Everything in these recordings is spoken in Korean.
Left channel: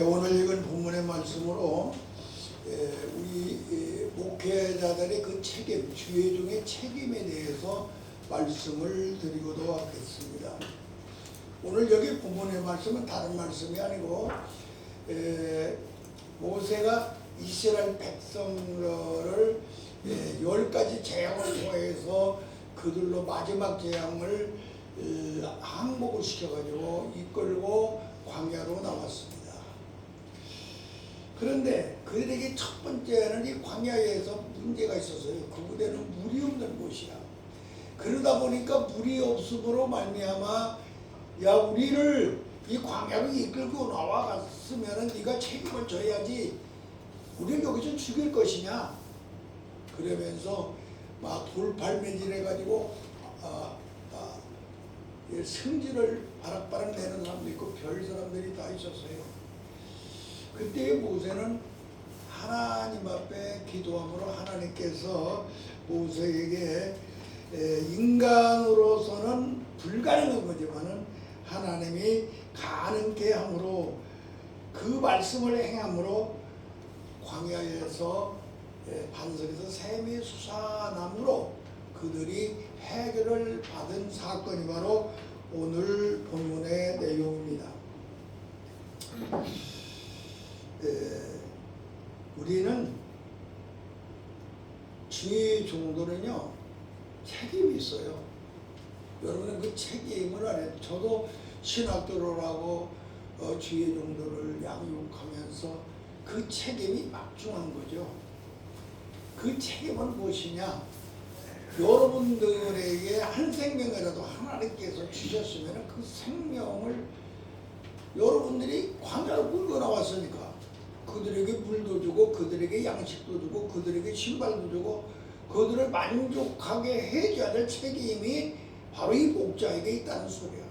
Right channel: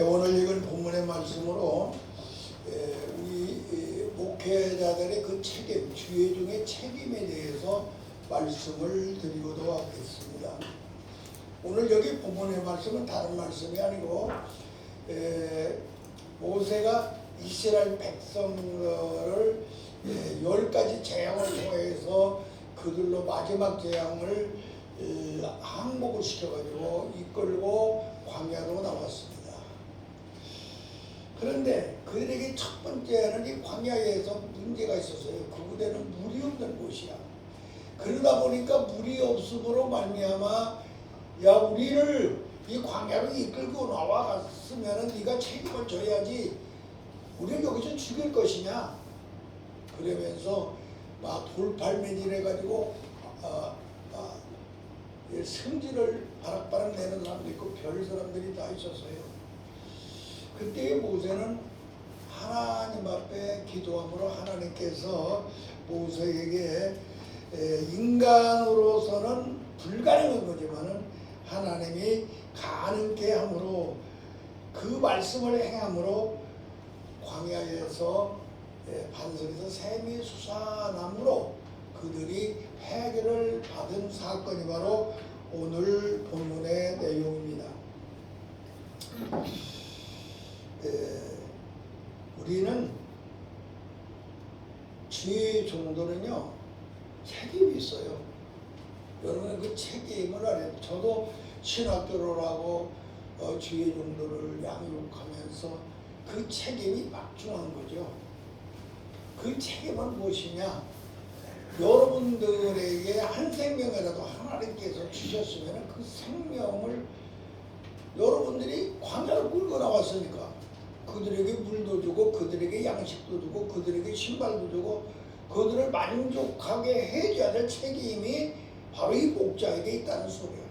오늘 읽은 본문의 말씀으로 우리 목회자들의 그 책임, 주의 중의 책임에 대해서 말씀을 드리고도 하겠습니다. 오늘 여기 본문의 말씀은 다른 말씀이 아니고 모세가 이스라엘 백성을 10가지 재앙을 통해서 그들로 마지막 재앙을 항복을 시켜가지고 이끌고 광야로 나왔습니다. 그런데 그들에게 첫 번째는 이 광야에서 문제가 있었어요. 그곳에는 물이 없는 곳이야. 그러다 보니까 물이 없음으로 말미암아 야 우리를 이 광야로 이끌고 나와갔으면 네가 책임을 져야지 우리를 여기서 죽일 것이냐 그러면서 막 돌팔매질 해가지고 성질을 바락바락 내는 사람도 있고 별 사람들이 다 있었어요. 그때 모세는 하나님 앞에 기도함으로 하나님께서 모세에게 인간으로서는 불가능한 거지만은 하나님이 가능케 함으로 그 말씀을 행함으로 광야에서 반석에서 샘이 솟아남으로 그들이 해결을 받은 사건이 바로 오늘 본문의 내용입니다. 우리는 주의 종도는요 책임이 있어요. 여러분 그 책임을 안 해요. 저도 신학교를 하고 주의 종도를 양육하면서 그 책임이 막중한 거죠. 그 책임은 무엇이냐? 여러분들에게 한 생명이라도 하나님께서 주셨으면 그 생명을 여러분들이 광야로 끌고 나왔으니까 그들에게 물도 주고 그들에게 양식도 주고 그들에게 신발도 주고 그들을 만족하게 해줘야 될 책임이 바로 이 목자에게 있다는 소리야.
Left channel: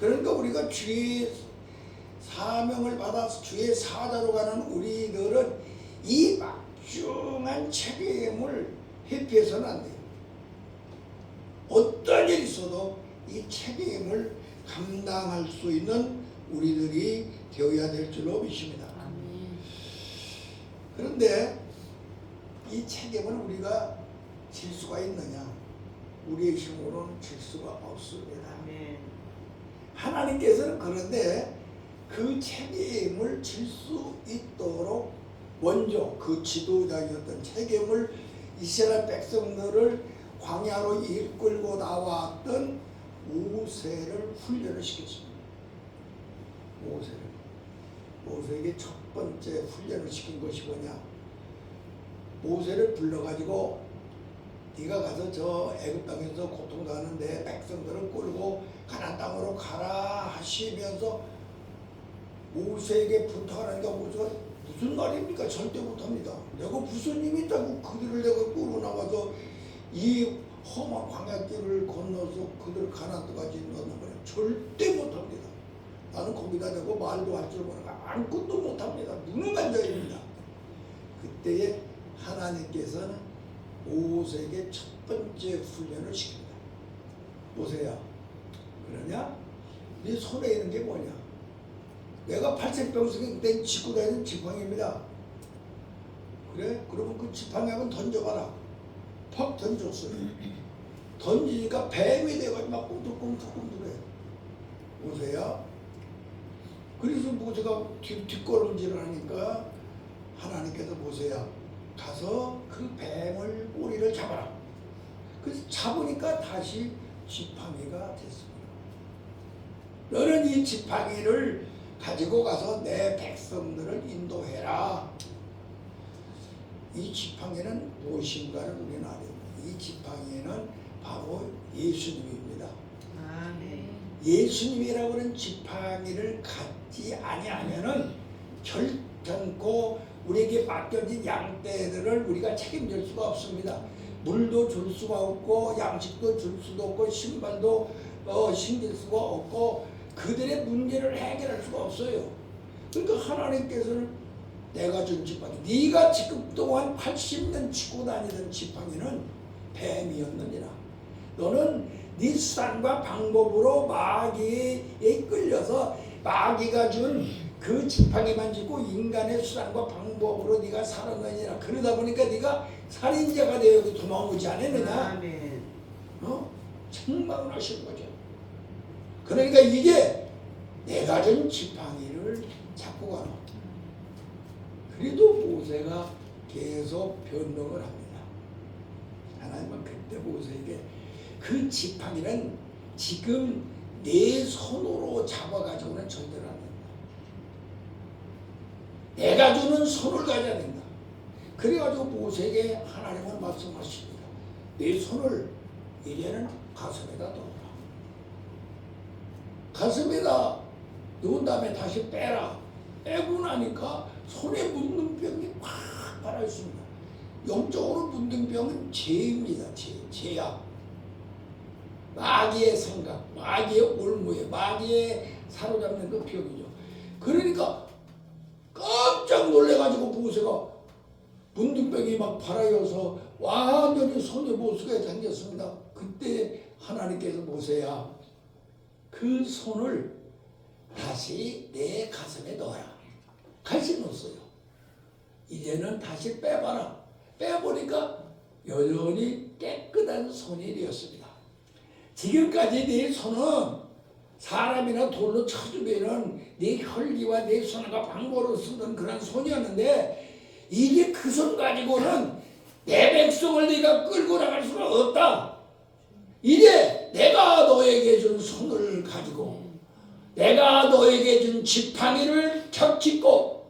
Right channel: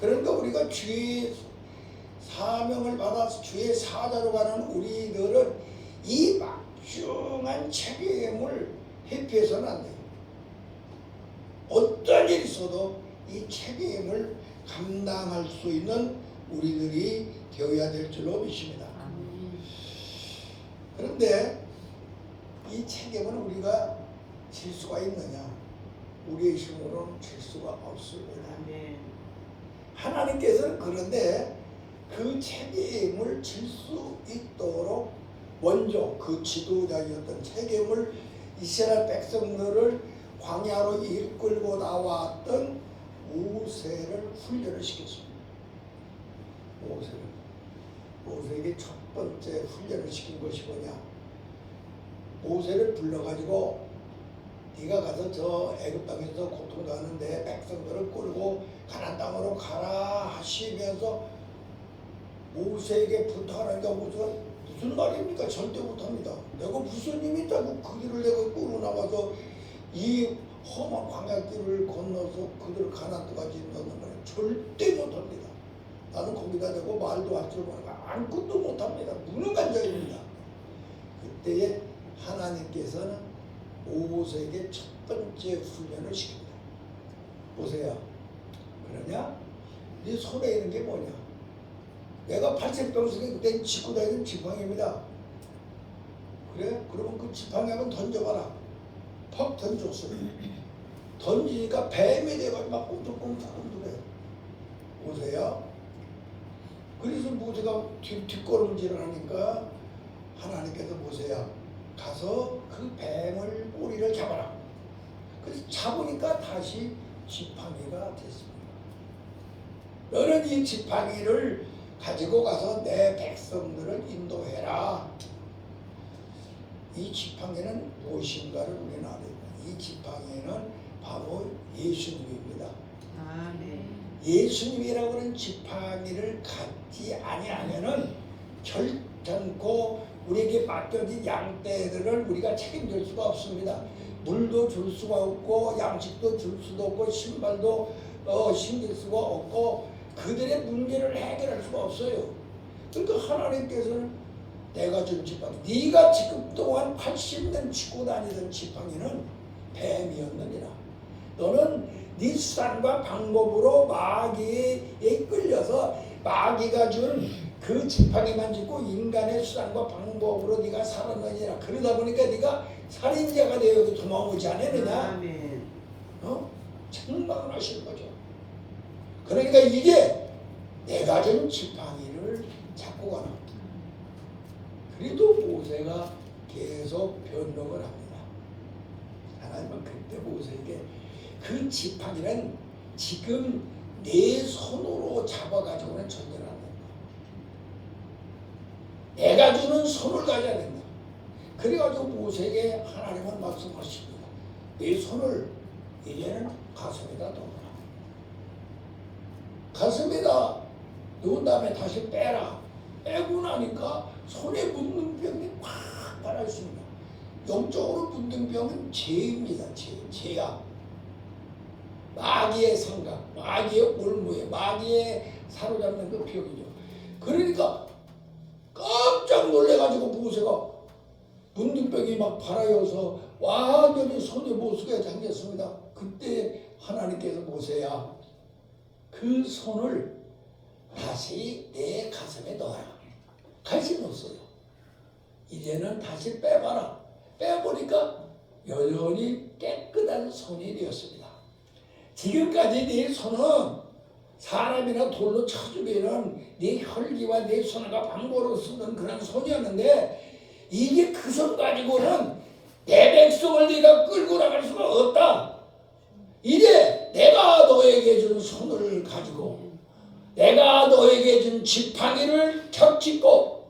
그러니까 우리가 주의 사명을 받아서 주의 사자로 가는 우리들은 이 막중한 책임을 회피해서는 안 돼요. 어떤 일이 있어도 이 책임을 감당할 수 있는 우리들이 되어야 될 줄로 믿습니다. 그런데 이 책임을 우리가 질 수가 있느냐? 우리의 힘으로는 질 수가 없습니다. 하나님께서는 그런데 그 책임을 질 수 있도록 먼저 그 지도자였던 책임을 이스라엘 백성들을 광야로 이끌고 나왔던 모세를 훈련을 시켰습니다. 모세에게 첫 번째 훈련을 시킨 것이 뭐냐? 모세를 불러가지고 네가 가서 저 애굽 땅에서 고통당하는데 백성들을 끌고 가나안 땅으로 가라 하시면서 모세에게 부탁하니까 모세가 무슨 말입니까? 절대 못합니다. 내가 무슨 힘이 있다고 그들을 내가 끌고 나와서 이 험한 광야길을 건너서 그들을 가나안 땅까지 인도하는 거야. 절대 못합니다. 나는 거기다 대고 말도 할 줄 모르고 아무것도 못합니다. 무능한 자입니다. 그때에 하나님께서는 모세에게 첫 번째 훈련을 시킵니다. 모세야, 그러냐? 네 손에 있는 게 뭐냐? 내가 팔색병석에 된 짚고 다니는 지팡이입니다. 그래? 그러면 그 지팡이 한번 던져봐라. 퍽 던졌어요. 던지니까 뱀이 돼가지고 막 꿈틀꿈틀해. 모세야. 그래서 모세가 뒷걸음질을 하니까 하나님께서 모세야 가서 그 뱀을 꼬리를 잡아라. 그래서 잡으니까 다시 지팡이가 됐습니다. 너는 이 지팡이를 가지고 가서 내 백성들을 인도해라. 이 지팡이는 무엇인가를 우리는 알아야 됩니다. 이 지팡이는 바로 예수님입니다. 예수님이라고 하는 지팡이를 갖지 아니하면은 결단코 우리에게 맡겨진 양떼들을 우리가 책임질 수가 없습니다. 물도 줄 수가 없고 양식도 줄 수도 없고 신발도 신길 수가 없고 그들의 문제를 해결할 수가 없어요. 그러니까 하나님께서는 내가 준 지팡이, 네가 지금 동안 80년 짚고 다니던 지팡이는 뱀이었느니라. 너는 네 수단과 방법으로 마귀에 끌려서 마귀가 준 그 지팡이만 짚고 인간의 수단과 방법으로 네가 살았느니라. 그러다 보니까 네가 살인자가 되어 여기 도망오지 않았느냐. 책망을 하시는 거죠. 그러니까 이게 내가 준 지팡이를 잡고 가라. 그래도 모세가 계속 변명을 합니다. 하나님은 그때 모세에게 그 지팡이는 지금 내 손으로 잡아가지고는 전쟁을 안 된다. 내가 주는 손을 가져야 된다. 그래가지고 모세에게 하나님은 말씀하십니다. 내 손을 이제는 가슴에다 넣어라. 가슴에다 넣은 다음에 다시 빼라. 빼고 나니까 손에 묻는 병이 팍 달아있습니다. 영적으로 묻는 병은 죄입니다. 죄야. 마귀의 생각, 마귀의 올무에, 마귀의 사로잡는 그 병이죠. 그러니까 깜짝 놀래가지고 모세가 묻는 병이 막 발아여서 완전히 손에 못 쓰게 당겼습니다. 그때 하나님께서 모세야, 그 손을 다시 내 가슴에 넣어라. 다시 넣었어요. 이제는 다시 빼봐라. 빼보니까 여전히 깨끗한 손이 되었습니다. 지금까지 내 손은 사람이나 돌로 쳐주면은 내 혈기와 내 손과 방법으로 쓰는 그런 손이었는데, 이제 그 손 가지고는 내 백성을 네가 끌고 나갈 수가 없다. 이제 내가 너에게 준 손을 가지고 내가 너에게 준 지팡이를 펴짚고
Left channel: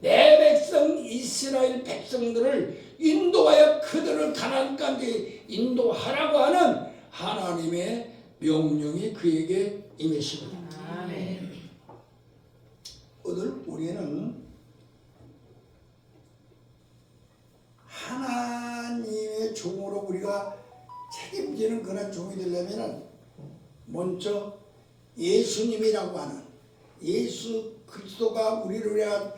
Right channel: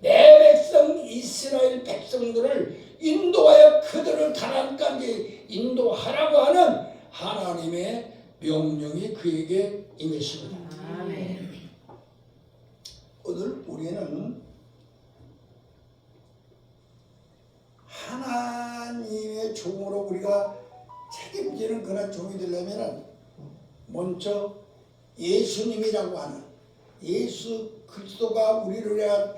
내 백성 이스라엘 백성들을 인도하여 그들을 가나안까지 인도하라고 하는 하나님의 명령이 그에게 임했습니다. 아멘. 오늘 우리는 하나님의 종으로 우리가 책임지는 그런 종이 되려면 먼저 예수님이라고 하는 예수 그리스도가 우리를 위하여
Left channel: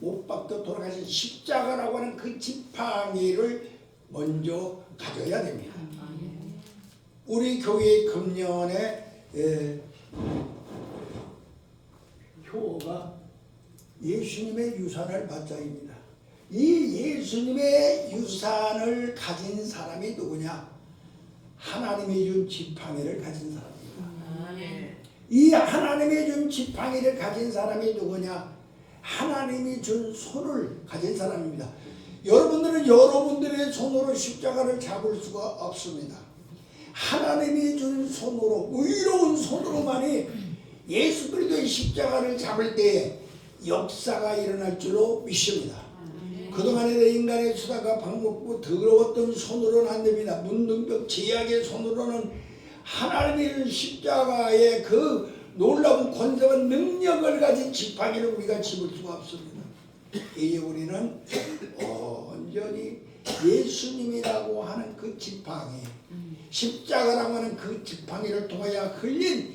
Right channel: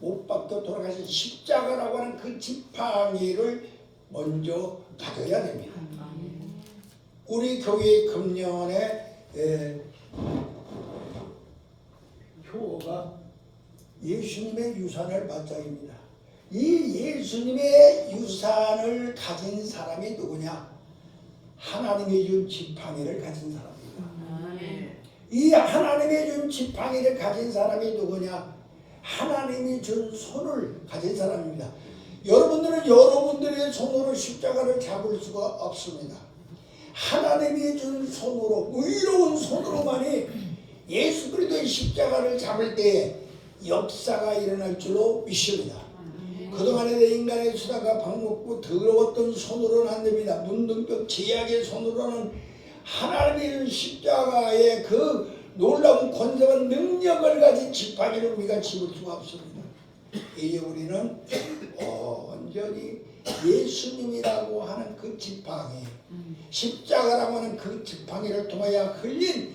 못 박혀 돌아가신 십자가라고 하는 그 지팡이를 먼저 가져야 됩니다. 우리 교회 금년에 효가 예수님의 유산을 맞자입니다. 이 예수님의 유산을 가진 사람이 누구냐? 하나님이 준 지팡이를 가진 사람입니다. 이 하나님이 준 지팡이를 가진 사람이 누구냐? 하나님이 준 손을 가진 사람입니다. 여러분들은 여러분들의 손으로 십자가를 잡을 수가 없습니다. 하나님이 준 손으로, 의로운 손으로만이 예수 그리스도의 십자가를 잡을 때 역사가 일어날 줄로 믿습니다. 그동안의 인간의 수단과 방법고 더러웠던 손으로는 안 됩니다. 문둥병 제약의 손으로는 하나님의 십자가의 그 놀라운 권세와 능력을 가진 지팡이를 우리가 집을 수가 없습니다. 이제 우리는 온전히 예수님이라고 하는 그 지팡이, 십자가라고 하는 그 지팡이를 통하여 흘린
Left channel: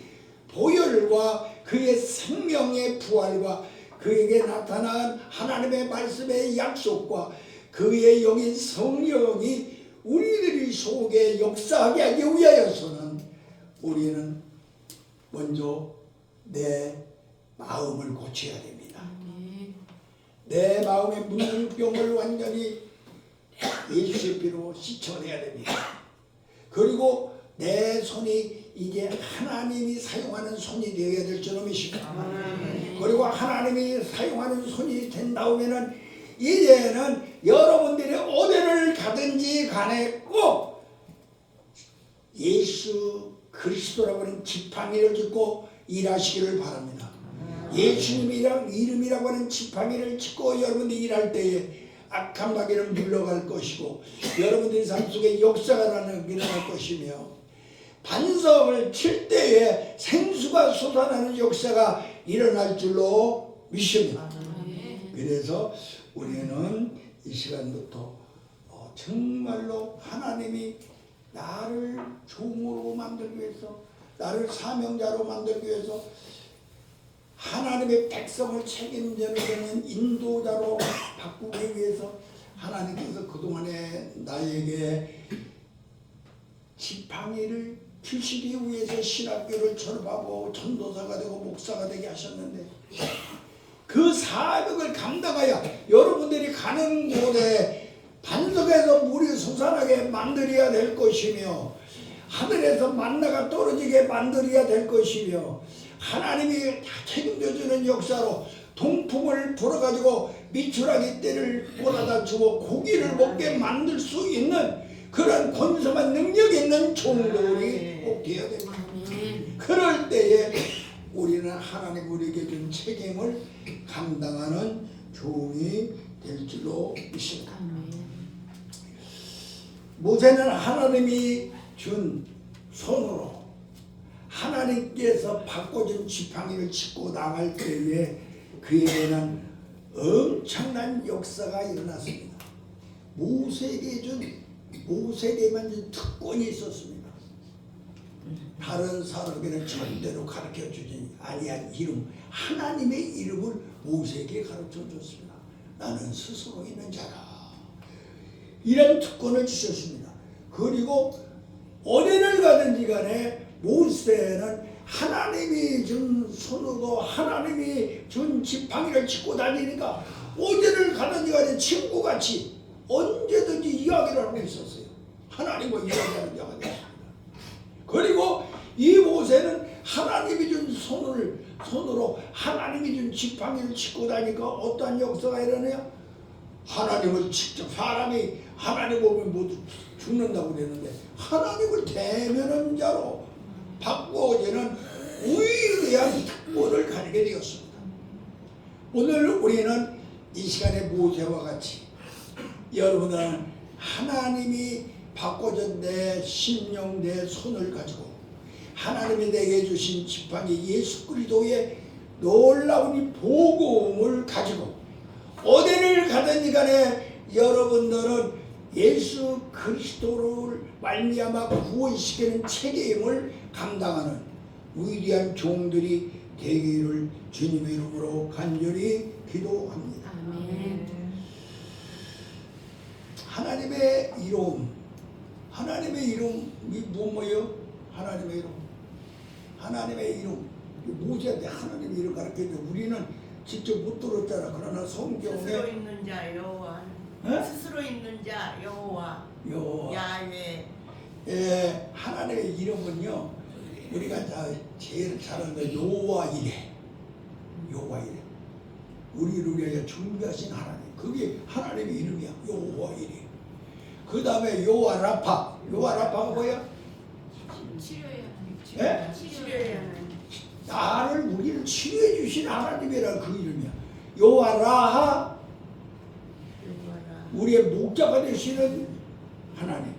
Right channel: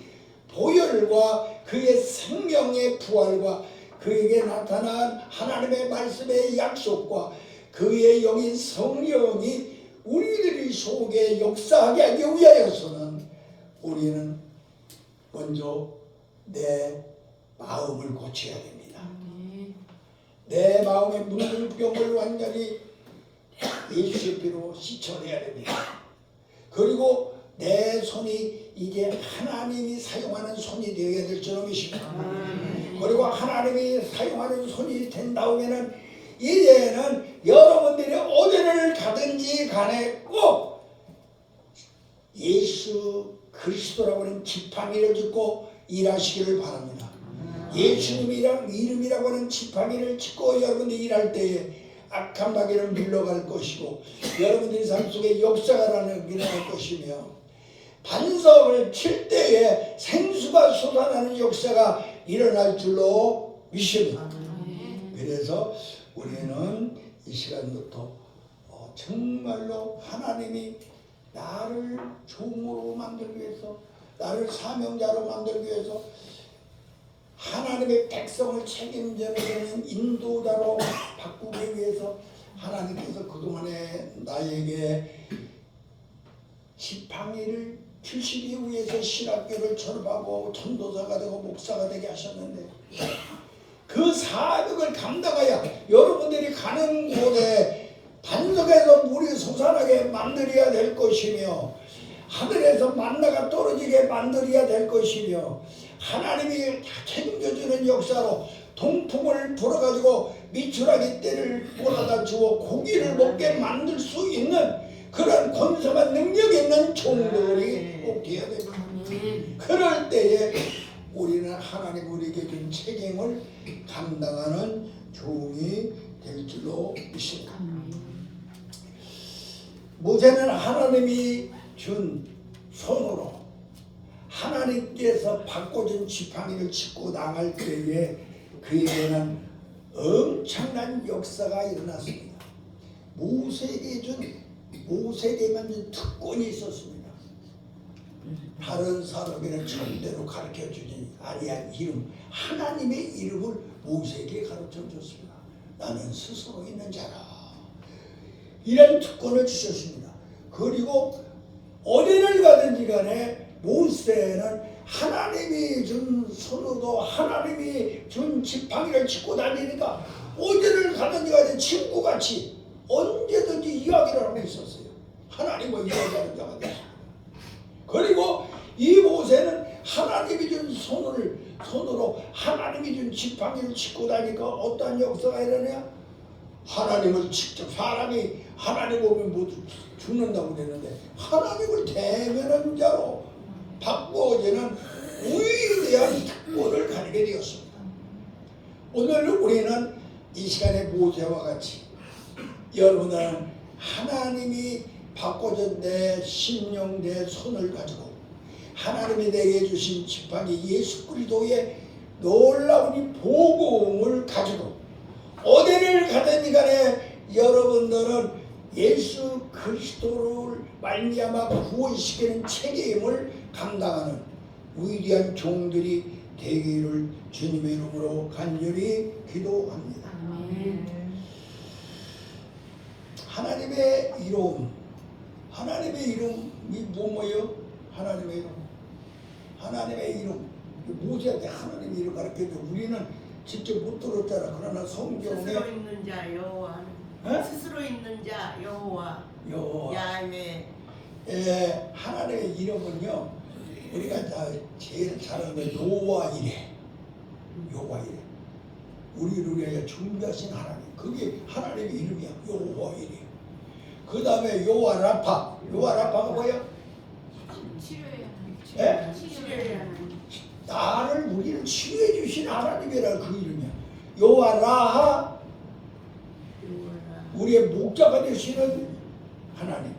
보혈과 그의 생명의 부활과 그에게 나타난 하나님의 말씀의 약속과 그의 영인 성령이 우리들의 속에 역사하게 하기 위하여서는 우리는 먼저 내 마음을 고쳐야 됩니다. 내 마음의 문둥병을 완전히 예수의 피로 씻어내야 됩니다. 그리고 내 손이 이제 하나님이 사용하는 손이 되어야 될 줄로 믿습니다. 그리고 하나님이 사용하는 손이 된다면은 이제는 여러분들이 어디를 가든지 간에 꼭 예수 그리스도라고 하는 지팡이를 짚고 일하시기를 바랍니다. 예수님이랑 이름이라고 하는 지팡이를 짚고 여러분들이 일할 때에 악한 마귀를 물러갈 것이고 여러분들의 삶 속에 역사가 일어날 것이며 반석을 칠 때에 생수가 쏟아나는 역사가 일어날 줄로 믿습니다. 그래서 우리는 이 시간부터 정말로 하나님이 나를 종으로 만들기 위해서, 나를 사명자로 만들기 위해서, 하나님의 백성을 책임져내는 인도자로 바꾸기 위해서 하나님께서 그동안에 나에게 지팡이를 70 이후에서 신학교를 졸업하고 전도사가 되고 목사가 되게 하셨는데 그 사역을 감당하여 여러분들이 가는 곳에 반석에서 물이 솟아나게 만들어야 될 것이며 하늘에서 만나가 떨어지게 만들어야 될 것이며 하나님이 책임져주는 역사로 동풍을 불어가지고 미추라기 떼를 몰아다 주고 고기를 먹게 만들 수 있는 그런 권성한 능력이 있는 종들이 꼭 되어야 됩니다. 그럴 때에 우리는 하나님 우리에게 준 책임을 감당하는 종이 될 줄로 믿습니다. 모세는 하나님이 준 손으로 하나님께서 바꿔준 지팡이를 짚고 나갈 때에 그에게는 엄청난 역사가 일어났습니다. 모세에게만 준 특권이 있었습니다. 다른 사람에게는 절대로 가르쳐주지 아니한 이름, 하나님의 이름을 모세에게 가르쳐줬습니다. 나는 스스로 있는 자라. 이런 특권을 주셨습니다. 그리고 어디를 가든지 간에 모세는 하나님이 준 손으로 하나님이 준 지팡이를 짚고 다니니까 어디를 가든지 간에 친구같이 언제든지 이야기를 하고 있었어요. 하나님과 이야기하는 자가 됐습니다. 그리고 이 모세는 하나님이 준 손으로 하나님이 준 지팡이를 짚고 다니니까 어떠한 역사가 일어나냐? 하나님을 직접 사람이 하나님 보면 모두 죽는다고 그랬는데 하나님을 대면한 자로 바꾸어지는 위대한 특권을 가지게 되었습니다. 오늘 우리는 이 시간에 모세와 같이 여러분은 하나님이 바꿔준 내 심령 내 손을 가지고 하나님이 내게 주신 지팡이 예수 그리스도의 놀라운 이 복음을 가지고 어디를 가든지 간에 여러분들은 예수 그리스도를 말미암아 구원시키는 책임을 감당하는 위대한 종들이 되기를 주님의 이름으로 간절히 기도합니다. 하나님의 이름이 뭐예요? 하나님의 이름. 모세한테 하나님의 이름 가르쳐줘. 우리는 직접 못 들었잖아. 그러나 성경에 스스로 있는 자 여호와, 스스로 있는 자 여호와, 야훼. 예, 하나님의 이름은요. 우리가 제일 잘 아는 여호와 이레. 우리를 위하여 준비하신 하나님. 그게 하나님의 이름이야. 여호와 이레. 그 다음에 여호와 라파. 여호와 라파가 뭐야? 치료해야 나를 우리를 치료해 주신 하나님이라 그 이름이야. 여호와 라하. 우리의 목자가 되시는 하나님.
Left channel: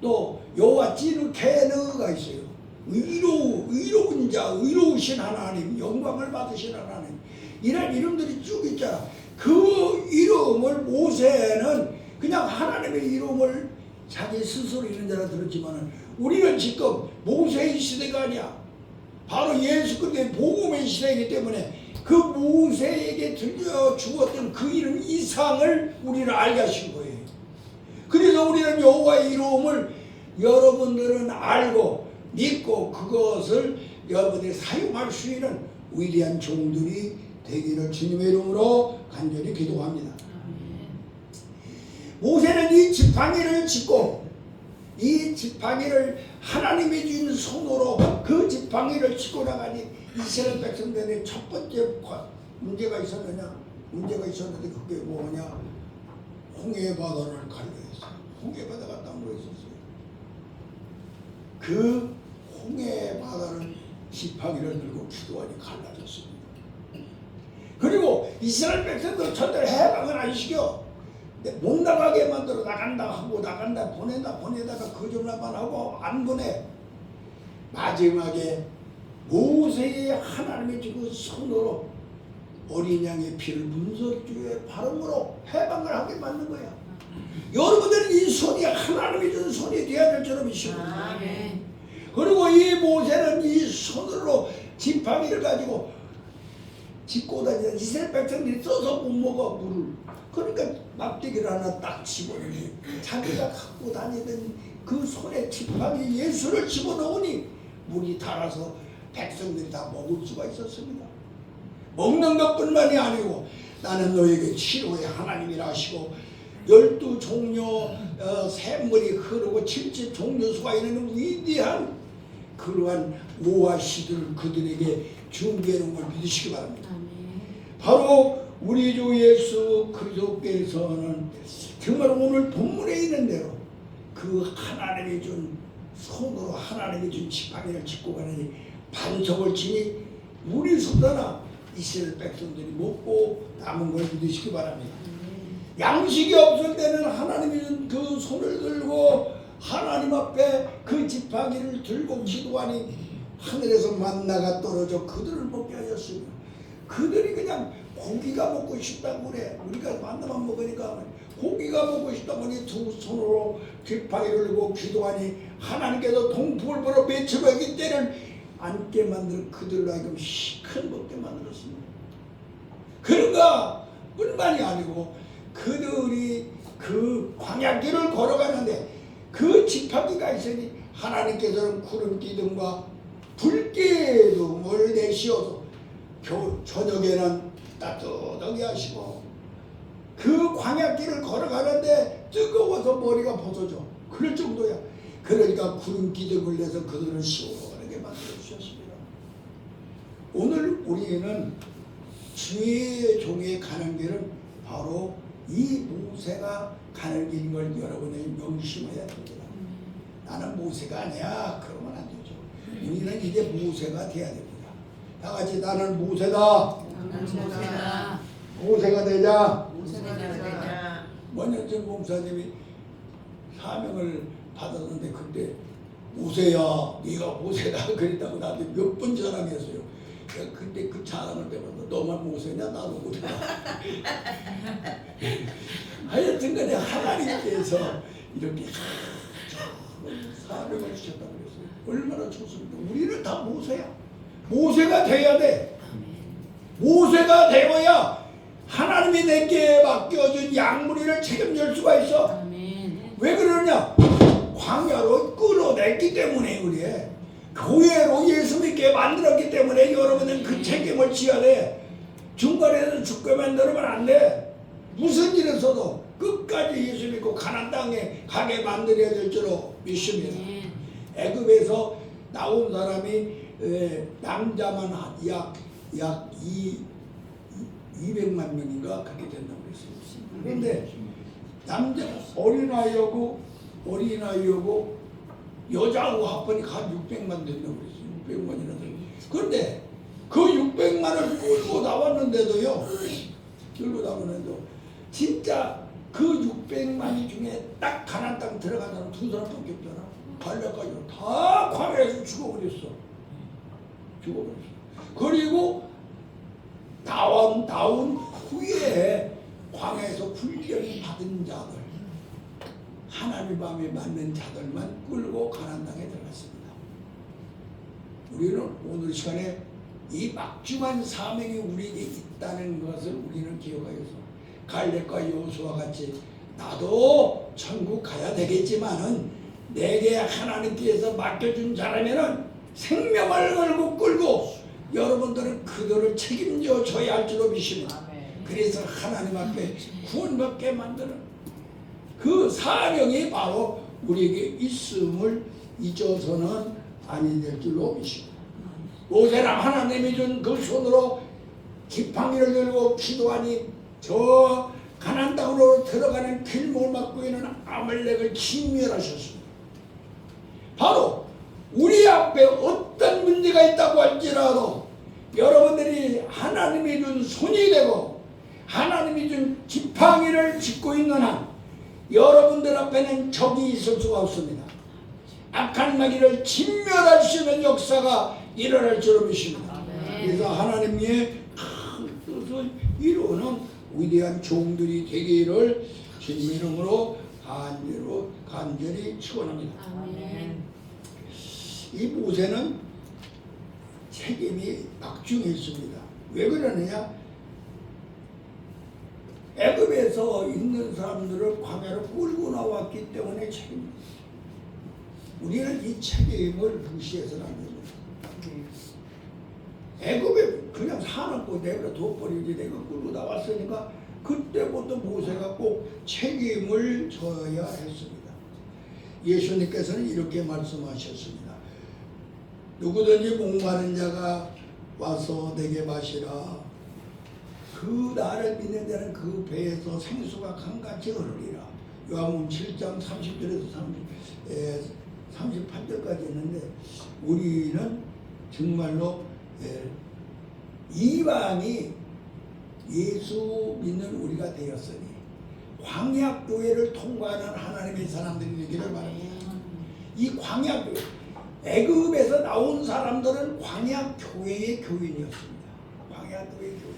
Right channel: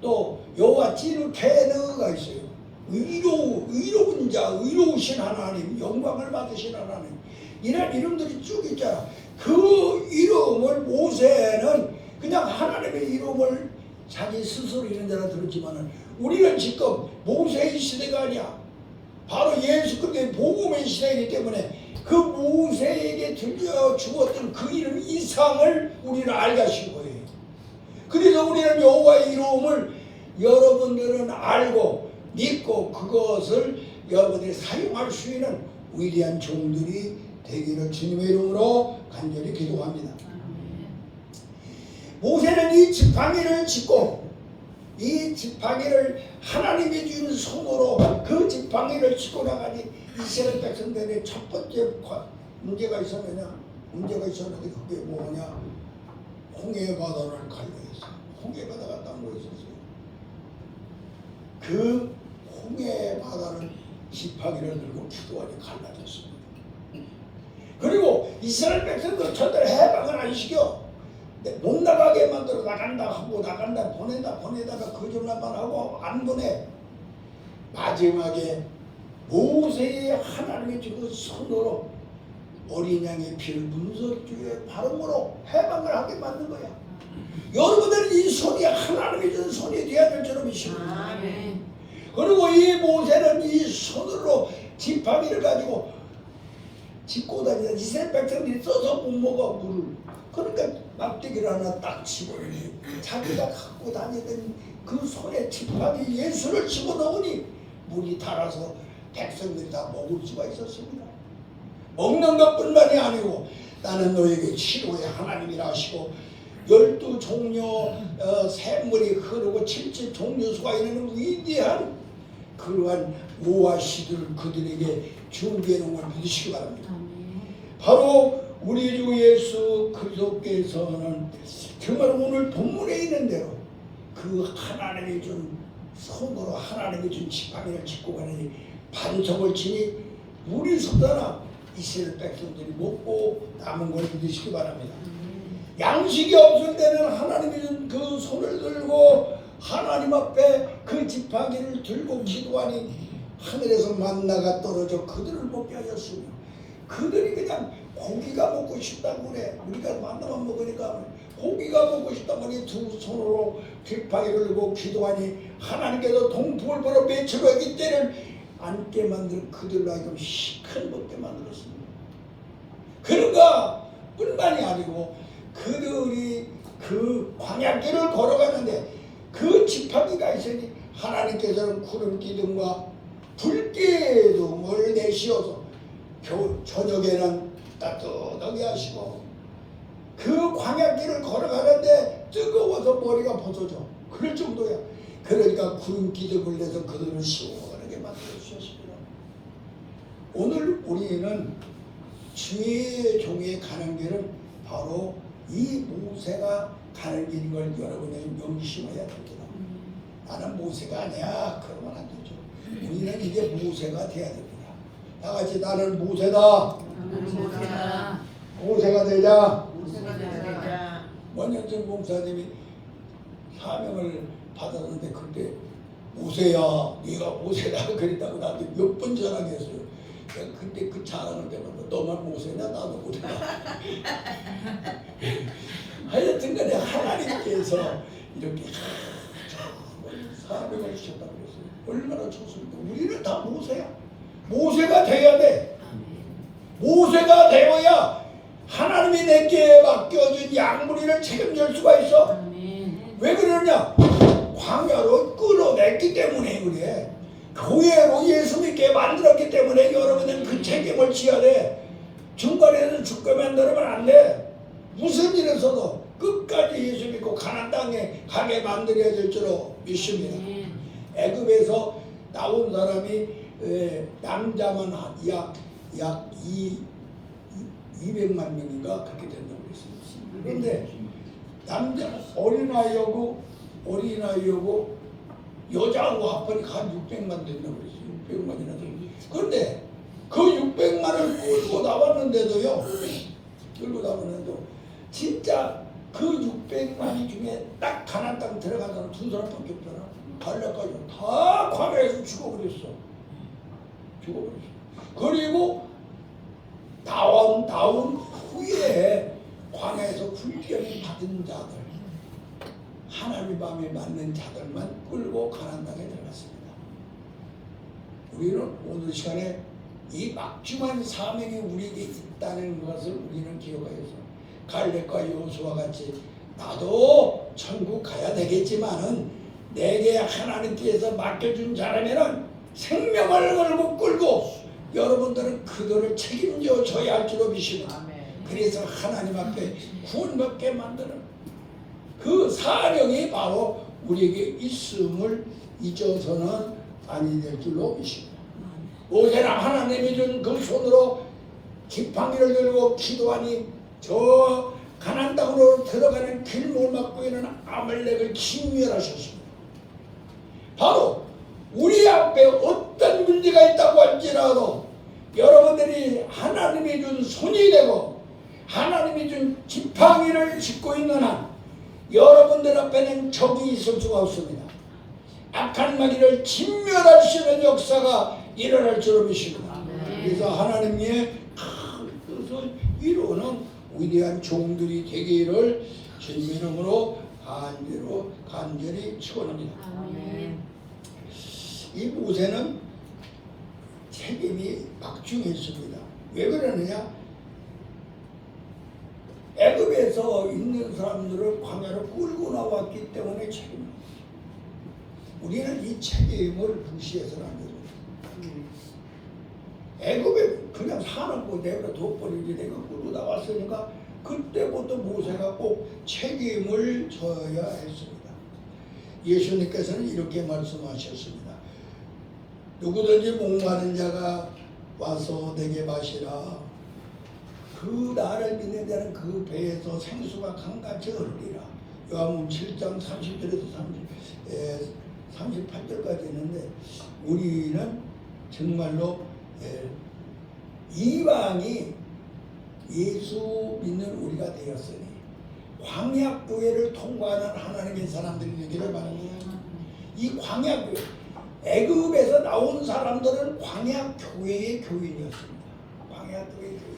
또 여호와 찌르케느가 있어요. 의로운 자, 의로우신 하나님, 영광을 받으신 하나님. 이런 이름들이 쭉 있잖아. 그 이름을 모세는 그냥 하나님의 이름을 자기 스스로 이런 데라 들었지만 우리는 지금 모세의 시대가 아니야. 바로 예수 그리스도의 복음의 시대이기 때문에 그 모세에게 들려 주었던 그 이름 이상을 우리는 알게 하신 거예요. 그래서 우리는 여호와의 이름을 여러분들은 알고 믿고 그것을 여러분들이 사용할 수 있는 위대한 종들이 되기를 주님의 이름으로 간절히 기도합니다. 모세는 이 지팡이를 짚고 이 지팡이를 하나님이 준 손으로 그 지팡이를 짚고 나가니 이스라엘 백성들의 첫 번째 문제가 있었는데 그게 뭐냐? 홍해 바다를 갈라했어. 홍해 바다가 딱 뭐 있었어요. 그 홍해 바다를 지팡이를 들고 기도하니 갈라졌습니다. 그리고 이스라엘 백성들 절대로 해방을 안 시켜. 못 나가게 만들어 나간다 하고 보내다가 거짓말만 하고 안 보내. 마지막에 모세의 하나님의 주고 손으로 어린 양의 피를 문설주에 바름으로 해방을 하게 만든 거야. 여러분들은 이 손이 하나님이 준 손이 되어야 될 줄로 믿습니다. 그리고 이 모세는 이 손으로 지팡이를 가지고 짚고 다니는 이스라엘 백성들이 써서 못 먹어 물을. 그러니까 막대기를 하나 딱 집어넣니 자기가 갖고 다니던 그 손에 지팡이 예수를 집어넣으니 물이 달아서 백성들이 다 먹을 수가 있었습니다. 먹는 것뿐만이 아니고 나는 너에게 치료의 하나님이라 하시고 12종려 샘물이 흐르고 70종려수가 있는 위대한 그러한 오아시스를 그들에게 준비해 놓은 걸 믿으시기 바랍니다. 바로 우리 주 예수 그리스도께서는 정말 오늘 본문에 있는 대로 그 하나님이 준 손으로 하나님이 준 지팡이를 짚고 가니 반석을 치니 물이 솟아나 이스라엘 백성들이 먹고 남은 걸 믿으시기 바랍니다. 양식이 없을 때는 하나님이 준 그 손을 들고 하나님 앞에 그 지팡이를 들고 기도하니 하늘에서 만나가 떨어져 그들을 먹게 하였으며 그들이 그냥 고기가 먹고 싶다고 그래. 우리가 만나만 먹으니까 고기가 먹고 싶다고 하니 두 손으로 지팡이를 들고 기도하니 하나님께서 동풍을 불어 맺혀가기 때를 앉게 만들 그들로 하여금 시큰 먹게 만들었습니다. 그런가 뿐만이 아니고 그들이 그 광야길을 걸어가는데 그 지팡이가 있으니 하나님께서는 구름 기둥과 불기둥을 내시어서 저녁에는 따뜻하게 하시고 그 광야길을 걸어가는데 뜨거워서 머리가 벗어져 그럴 정도야. 그러니까 구름 기둥을 내서 그들을 시원하게 만들어 주셨습니다. 오늘 우리는 주의 종이 가는 길은 바로 이 모세가 가는 길인 걸 여러분이 명심해야 됩니다. 나는 모세가 아니야. 그러면 안 되죠. 우리는 이제 모세가 돼야 됩니다. 다 같이 나는 모세다. 모세가 되자. 원현진 목사님이 사명을 받았는데 그때 모세야 네가 모세다 그랬다고 나한테 몇 번 자랑했어요. 근데 그 자랑을 때마다 너만 모세냐 나도 모세다. 하여튼 간에 하나님께서 이렇게 사명을 주셨다고 그랬어요. 얼마나 좋습니까? 우리는 다 모세야. 모세가 돼야 돼. 모세가 되어야 하나님이 내게 맡겨준 양무리를 책임질 수가 있어. 왜 그러냐? 광야로 끌어냈기 때문에 그래. 교회로 예수 믿게 만들었기 때문에 여러분은 그 책임을 져야 돼. 중간에서 죽게 만들면 안 돼. 무슨 일을 써도 끝까지 예수 믿고 가나안 땅에 가게 만들어야 될 줄로 믿습니다. 애굽에서 나온 사람이 남자만 약 200만 명인가 그렇게 된다고 그랬어요. 그런데 남자 어린아이하고 여자하고 합하니까 한 600만 된다고 그랬어요. 600만이라서. 그런데 그 600만을 끌고 나왔는데도요. 진짜 그 600만 중에 딱 가나안 땅 들어간 사람 두 사람밖에 없잖아. 갈렙까지 다 광야에서 죽어버렸어. 그리고 나온 후에 광야에서 훈련을 받은 자들, 하나님 마음에 맞는 자들만 끌고 가나안 땅에 들어갔습니다. 우리는 오늘 시간에 이 막중한 사명이 우리에게 있다는 것을 우리는 기억하여서 갈렙과 여호수아와 같이 나도 천국 가야 되겠지만은 내게 하나님께서 맡겨준 자라면은 생명을 걸고 끌고 여러분들은 그들을 책임져 줘야 할 줄로 믿습니다. 그래서 하나님 앞에 구원받게 만드는 그 사명이 바로 우리에게 있음을 잊어서는 아니 될 줄로 믿습니다. 모세는 하나님이 준 그 손으로 지팡이를 들고 기도하니 저 가나안 땅으로 들어가는 길목을 막고 있는 아말렉을 진멸하셨습니다. 바로 우리 앞에 어떤 문제가 있다고 할지라도 여러분들이 하나님이 준 손이 되고 하나님이 준 지팡이를 짚고 있는 한 여러분들 앞에는 적이 있을 수가 없습니다. 악한 마귀를 진멸할 수 있는 역사가 일어날 줄로 믿습니다. 그래서 하나님의 큰 뜻을 이루는 위대한 종들이 되기를 주님의 이름으로 간절히 축원합니다. 이 모세는 책임이 막중했습니다. 왜 그러느냐? 애굽에서 있는 사람들을 광야로 끌고 나왔기 때문에 책임입니다. 우리는 이 책임을 무시해서는 안 됩니다. 애굽에 그냥 사놓고 내버려 둬버리지 내가 끌고 나왔으니까 그때부터 모세가 꼭 책임을 져야 했습니다. 예수님께서는 이렇게 말씀하셨습니다. 누구든지 목마른 자가 와서 내게 마시라. 그 나를 믿는 자는 그 배에서 생수가 강같이 흐르리라. 요한복음 7장 30절에서 38절까지 있는데 우리는 정말로 이방이 예수 믿는 우리가 되었으니 광야교회를 통과하는 하나님의 사람들이 되기를 바랍니다. 이 광야교회, 애굽에서 나온 사람들은 광야교회의 교인이었습니다. 광야교회의 교인.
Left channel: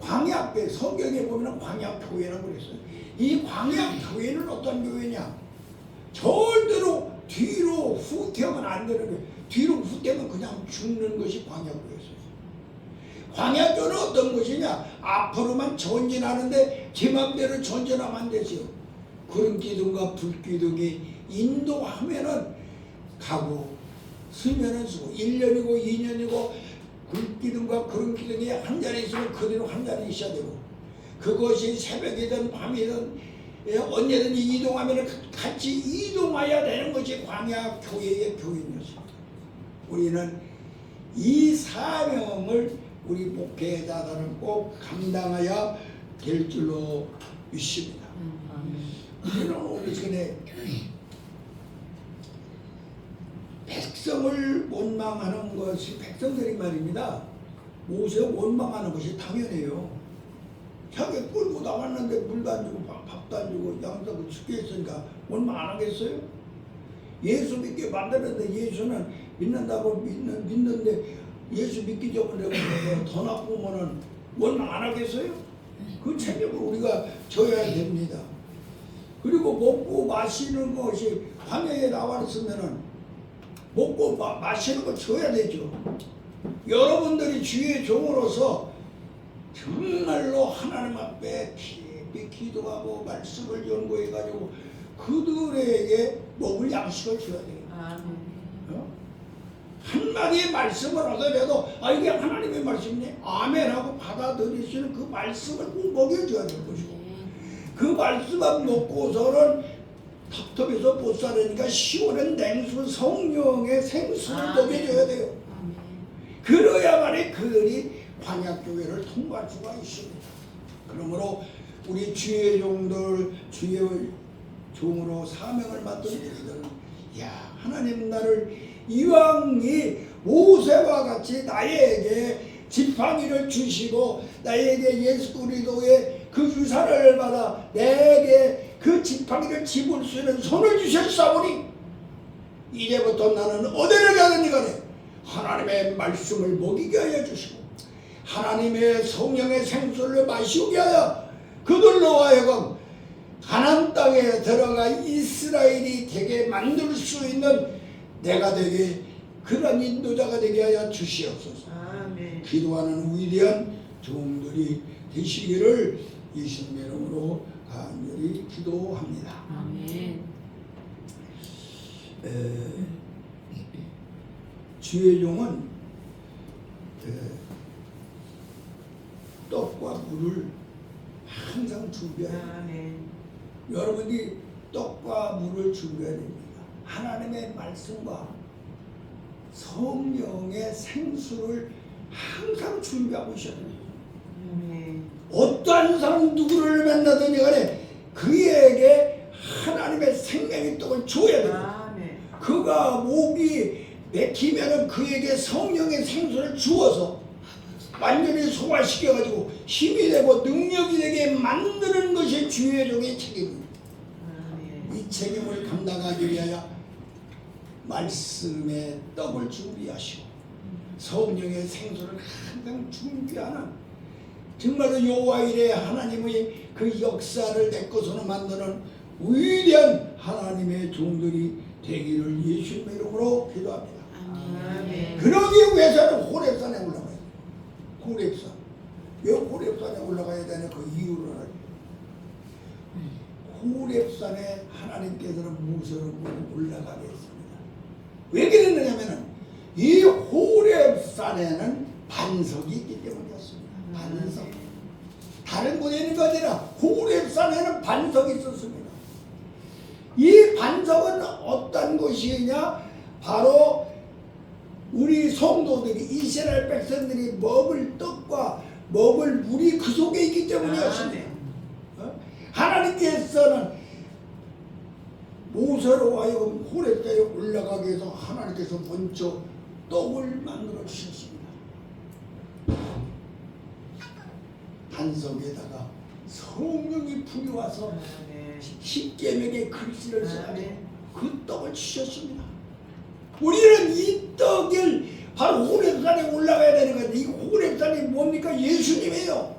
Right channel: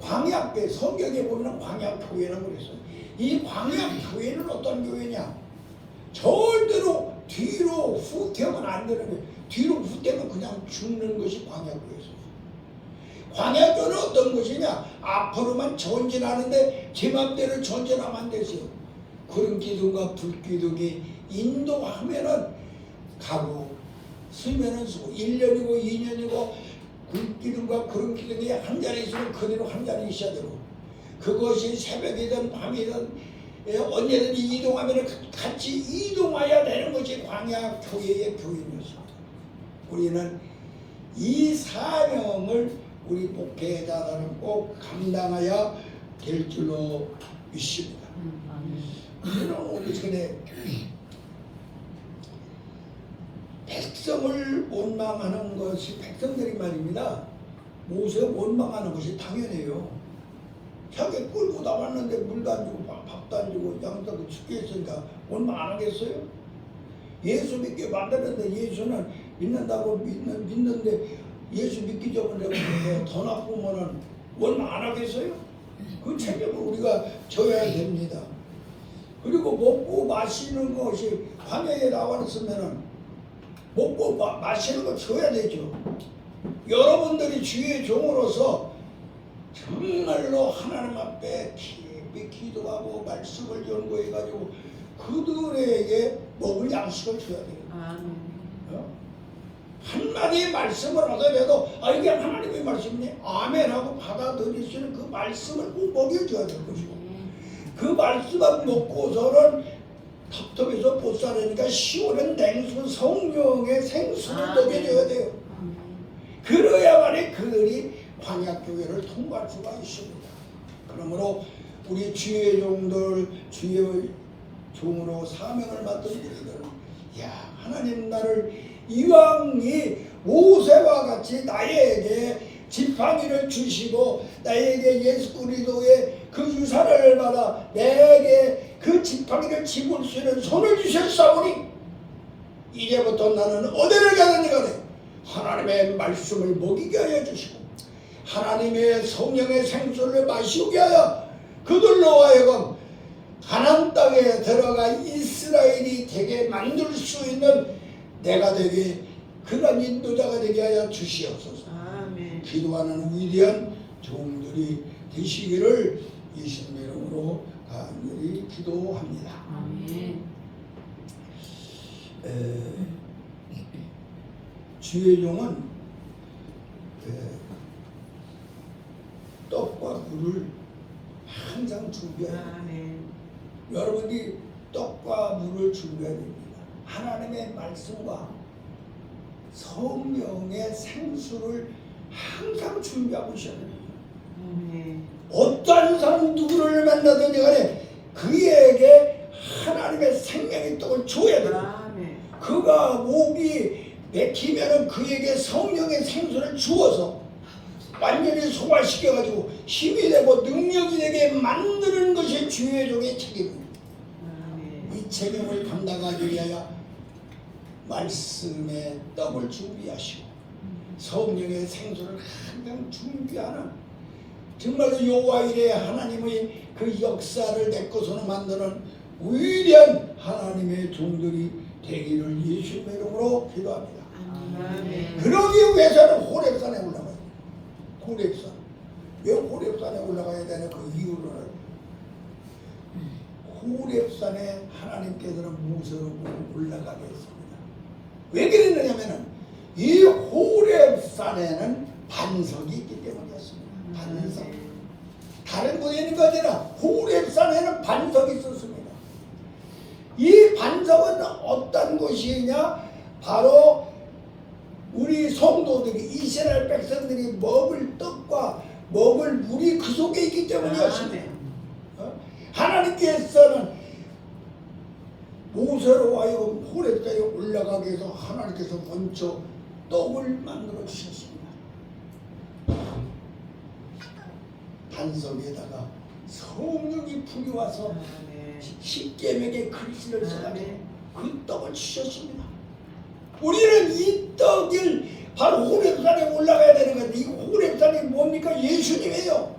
광야교회, 성경에 보면 광야교회라고 그랬어요. 이 광야교회는 어떤 교회냐? 절대로 뒤로 후퇴하면 안 되는 거예요. 뒤로 후퇴하면 그냥 죽는 것이 광야교회였어요. 광야교회는 어떤 것이냐? 앞으로만 전진하는데 제 맘대로 전진하면 안 되죠. 구름 기둥과 불 기둥이 인도하면은 가고 쓰면은 쓰고 1년이고 2년이고 불 기둥과 구름 기둥이 한 자리 있으면 그대로 한 자리 있어야 되고 그것이 새벽이든 밤이든 언제든지 이동하면 같이 이동해야 되는 것이 광야교회의 교인이었습니다. 우리는 이 사명을 우리 목회자들은 꼭 감당해야 될 줄로 믿습니다. 우리는 오늘 전에 백성을 원망하는 것이 백성들이 말입니다. 모세 원망하는 것이 당연해요. 자기 끌고 나왔는데 물도 안 주고 밥도 안 주고 양도 죽게 했으니까 원망 안 하겠어요? 예수 믿게 만드는데 예수는 믿는다고 믿는데 예수 믿기 전에 더 나쁘면은 원망 안 하겠어요? 그 책임을 우리가 져야 됩니다. 그리고 먹고 마시는 것이 광야에 나왔으면은 먹고 마시는 거 줘야 되죠. 여러분들이 주의 종으로서 정말로 하나님 앞에 깊이 기도하고 말씀을 연구해가지고 그들에게 먹을 양식을 줘야 돼요. 한마디의 말씀을 하더라도 이게 하나님의 말씀이네 아멘하고 받아들이시는 그 말씀을 꼭 먹여줘야 될 것이고 그 말씀만 먹고서는 텁텁해서 못 살으니까 시원한 냉수 성령의 생수를 먹여줘야 돼요. 그래야만이 그들이 광야교회를 통과할 수가 있습니다. 그러므로 우리 주의 종들 주의 종으로 사명을 맡은 우리들은 하나님 나를 이왕이 모세와 같이 나에게 지팡이를 주시고 나에게 예수 그리스도의 그 유산을 받아 내게 그 지팡이를 집을 수 있는 손을 주셨사오니 이제부터 나는 어디를 가든지 간에 하나님의 말씀을 먹이게 하여 주시고 하나님의 성령의 생수를 마시게 하여 그들로 하여금 가나안 땅에 들어가 이스라엘이 되게 만들 수 있는 내가 되게 그런 인도자가 되게 하여 주시옵소서. 아멘. 기도하는 위대한 종들이 되시기를 예수님의 이름으로 간절히 기도합니다. 아멘. 주의 종은 떡과 물을 항상 준비해야 합니다. 여러분이 떡과 물을 준비해야 됩니다. 하나님의 말씀과 성령의 생수를 항상 준비하고 있어야 됩니다. 어떠한 사람 누구를 만나든지 간에 그에게 하나님의 생명의 떡을 줘야 됩니다. 그가 목이 맥히면 그에게 성령의 생수를 주어서 완전히 소화시켜가지고 힘이 되고 능력이 되게 만드는 것이 주의 종의 책임입니다. 이 책임을 감당하기 위하여 말씀의 떡을 준비하시고 성령의 생수를 항상 준비하는 정말로 여호와 이레 하나님의 그 역사를 내 것으로 만드는 위대한 하나님의 종들이 되기를 예수님의 이름으로 기도합니다. 아멘. 그러기 위해서는 호렙산에 올라가야 돼요. 호렙산. 왜 호렙산에 올라가야 되냐? 그 이유를 호렙산에 하나님께서는 모세로 올라가게 했습니다. 왜 그랬느냐면은 이 호렙산에는 반석이 있기 때문이었습니다. 반석. 다른 곳에 있는 거 아니라 호렙산에는 반석이 있었습니다. 이 반석은 어떤 곳이냐? 바로 우리 성도들이, 이스라엘 백성들이 먹을 떡과 먹을 물이 그 속에 있기 때문이었습니다. 하나님께서는 모세로 하여금 호렙산에 올라가게 해서 하나님께서 먼저 떡을 만들어 주셨습니다. 반석에다가 성령이 부여와서 십계명의 글씨를 써가지고 그 떡을 주셨습니다. 우리는 이 떡을 바로 호렙산에 올라가야 되는 건데, 이 호렙산이 뭡니까? 예수님이에요.